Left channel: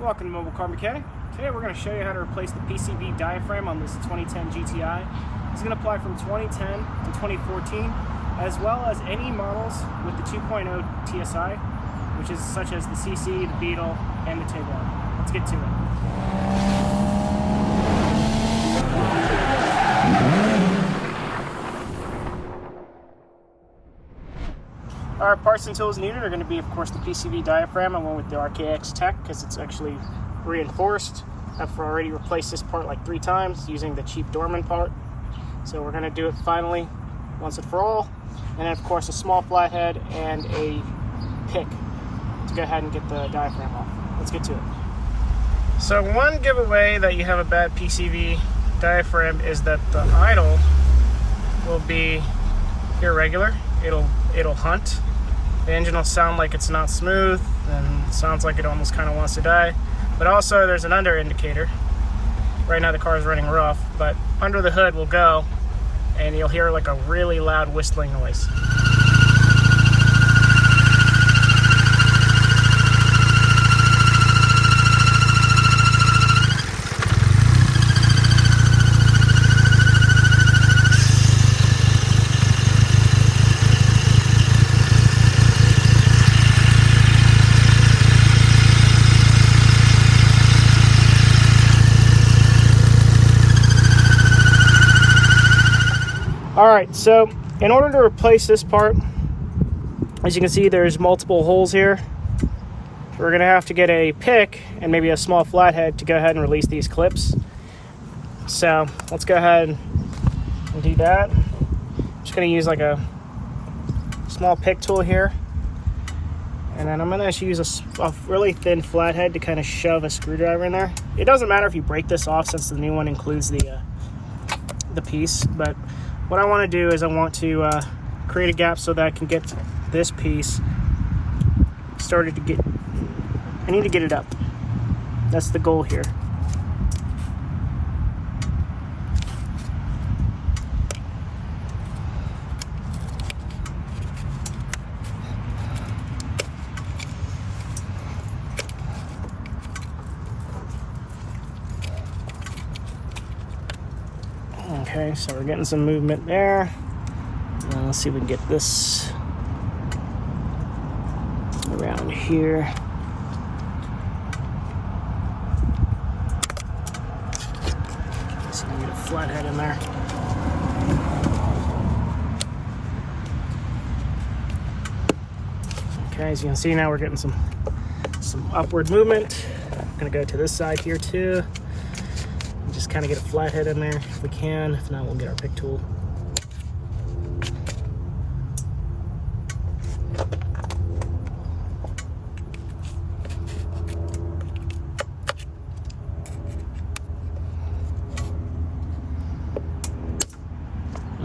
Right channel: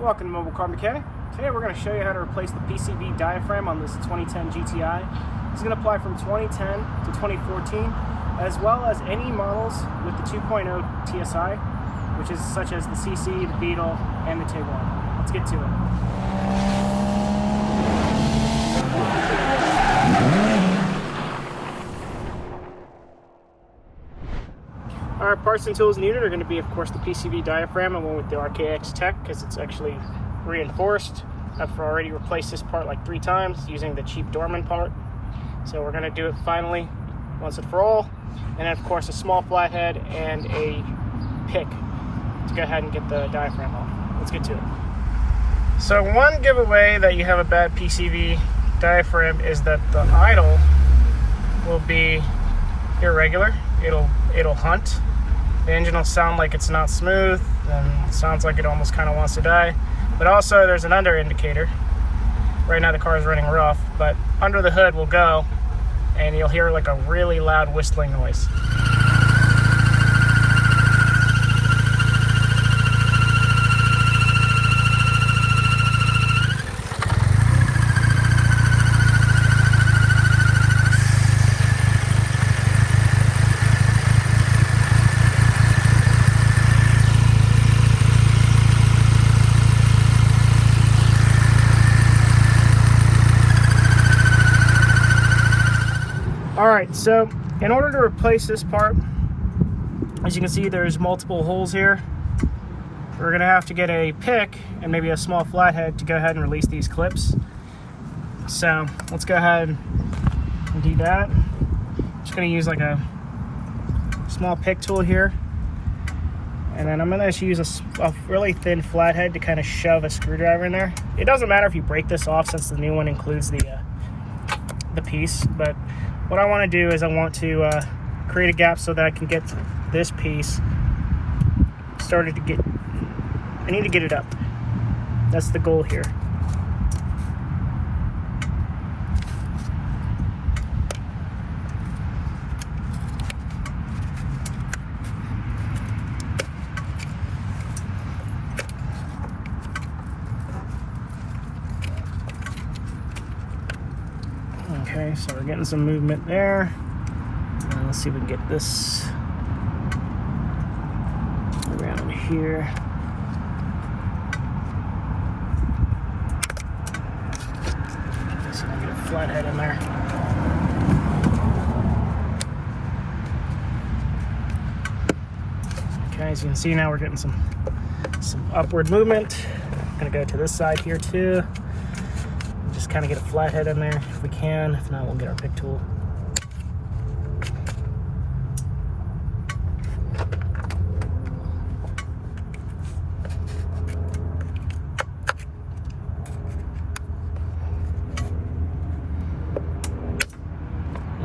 Welcome to Mobile Car Mechanic. Today we're going to show you how to replace the PCV diaphragm on this 2010 GTI. It's going to apply from 2010 to 2014, as well as any models with the 2.0 TSI, which is such as the CC, the Beetle, and the Tiguan. Let's get to it. Our parts and tools needed are going to be, of course, the PCV diaphragm. I went with the RKX Tech because it's actually reinforced. I've already replaced this part like 3 times using the cheap Dorman part. So we're going to do it finally, once and for all. And then, of course, a small flathead and a pick to go ahead and get the diaphragm off. Let's get to it. So one giveaway that you have a bad PCV diaphragm is that the idle will be irregular. It'll hunt. The engine will sound like it's not smooth and sounds like it almost kind of wants to die. But also there's an under indicator. Right now the car is running rough, but under the hood will go and you'll hear like a really loud whistling noise. Alright, so in order to replace this part, as you can see there's multiple holes here. We're going to have to get a pick and maybe a small flathead to go ahead and release these clips. So let's go ahead and do that. I'm just going to use like a small pick tool here. And then I'm going to use a really thin flathead to kind of shove a screwdriver in there. It doesn't matter if you break this off since the new one includes the piece, but what I want to do is I want to create a gap so that I can get this piece started to get, I need to get it up. That's the goal here. Okay, so we're getting some movement there. And let's see if we can get this around here. So we got a flathead in there. Okay, as you can see now we're getting some upward movement. I'm gonna go to this side here too. Just kind of get a flathead in there if we can. If not, we'll get our pick tool.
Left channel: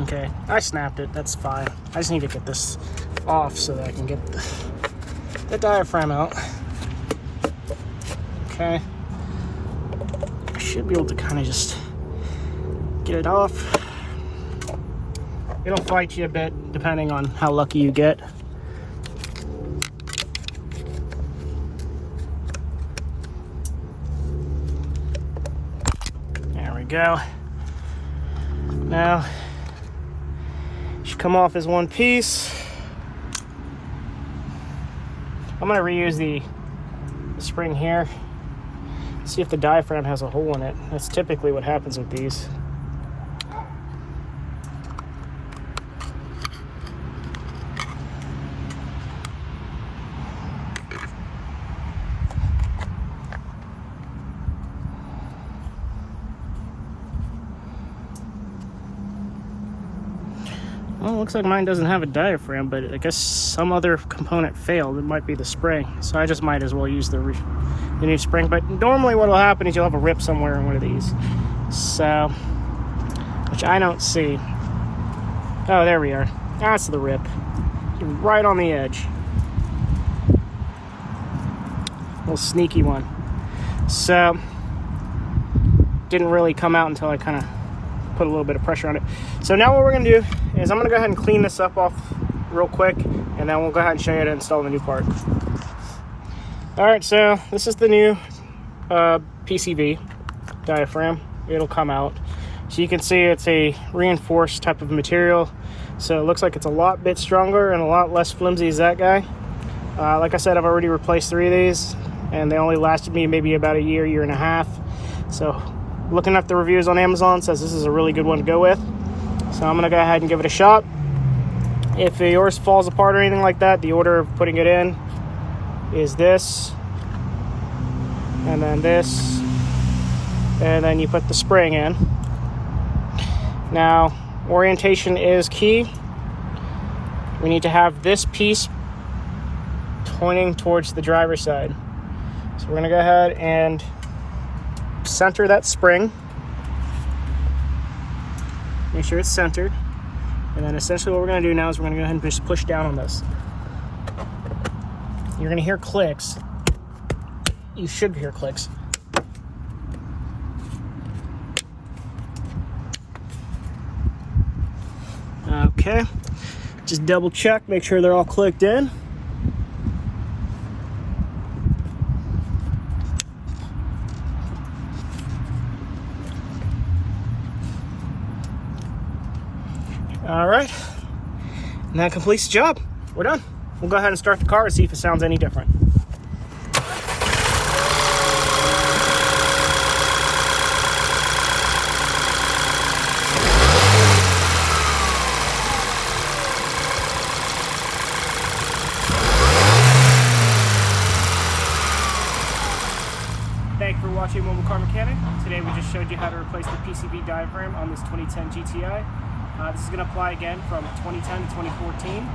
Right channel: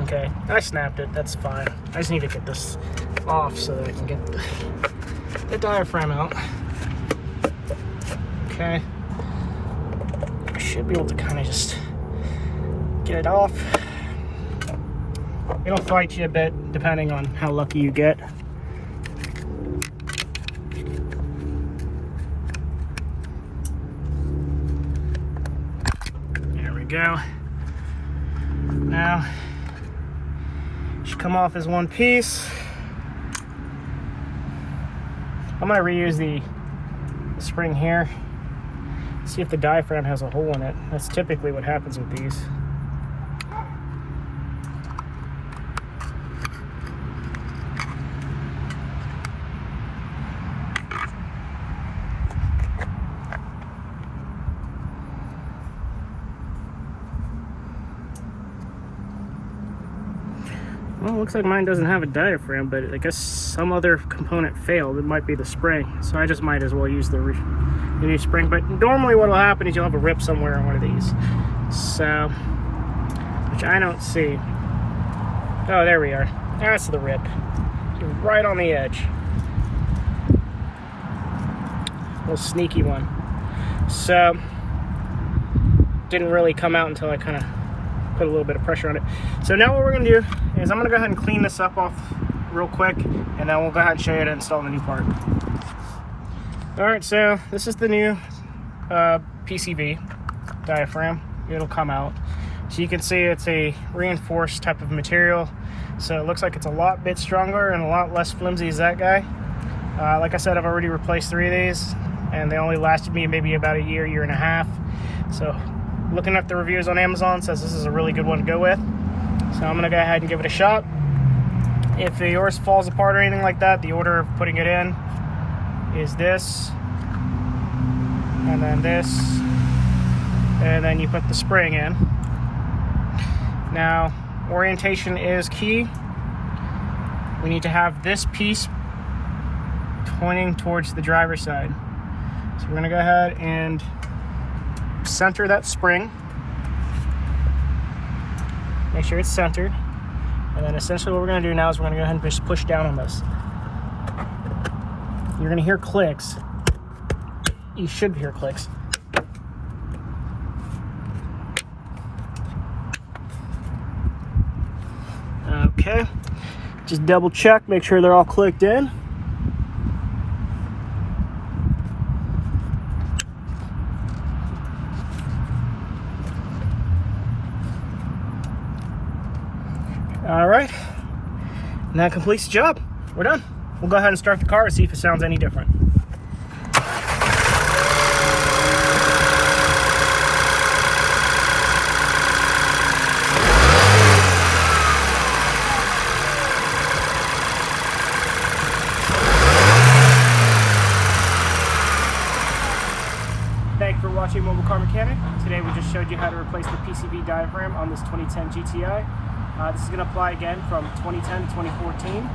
Okay, I snapped it. That's fine. I just need to get this off so that I can get the diaphragm out. Okay. Should be able to kind of just get it off. It'll fight you a bit depending on how lucky you get. There we go. Now, it should come off as one piece. I'm going to reuse the spring here. See if the diaphragm has a hole in it. That's typically what happens with these. Well, it looks like mine doesn't have a diaphragm, but I guess some other component failed. It might be the spring, so I just might as well use the new spring. But normally what will happen is you'll have a rip somewhere in one of these, so, which I don't see. Oh, there we are. That's the rip, right on the edge. Little sneaky one. So didn't really come out until I kind of put a little bit of pressure on it. So now what we're going to do is I'm going to go ahead and clean this up off real quick, and then we'll go ahead and show you how to install the new part. Alright, so this is the new PCV diaphragm. It'll come out. So you can see it's a reinforced type of material. So it looks like it's a lot bit stronger and a lot less flimsy as that guy. Like I said, I've already replaced 3 of these, and they only lasted me maybe about a year, year and a half. So looking at the reviews on Amazon, says this is a really good one to go with. So I'm gonna go ahead and give it a shot. If yours falls apart or anything like that, the order of putting it in is this, and then this, and then you put the spring in. Now, orientation is key. We need to have this piece pointing towards the driver's side. So we're gonna go ahead and center that spring. Make sure it's centered. And then essentially what we're gonna do now is we're gonna go ahead and just push down on this. You're gonna hear clicks. You should hear clicks. Okay, just double check, make sure they're all clicked in. All right, and that completes the job. We're done. We'll go ahead and start the car and see if it sounds any different. Thank you for watching Mobile Car Mechanic. Today we just showed you how to replace the PCV diaphragm on this 2010 GTI. This is going to apply again from 2010 to 2014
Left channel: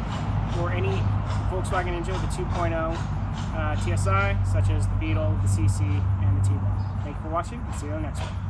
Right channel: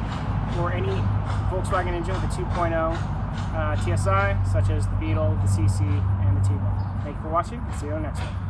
or any Volkswagen engine with a 2.0 TSI, such as the Beetle, the CC, and the T-Bar. Thank you for watching, and see you on the next one.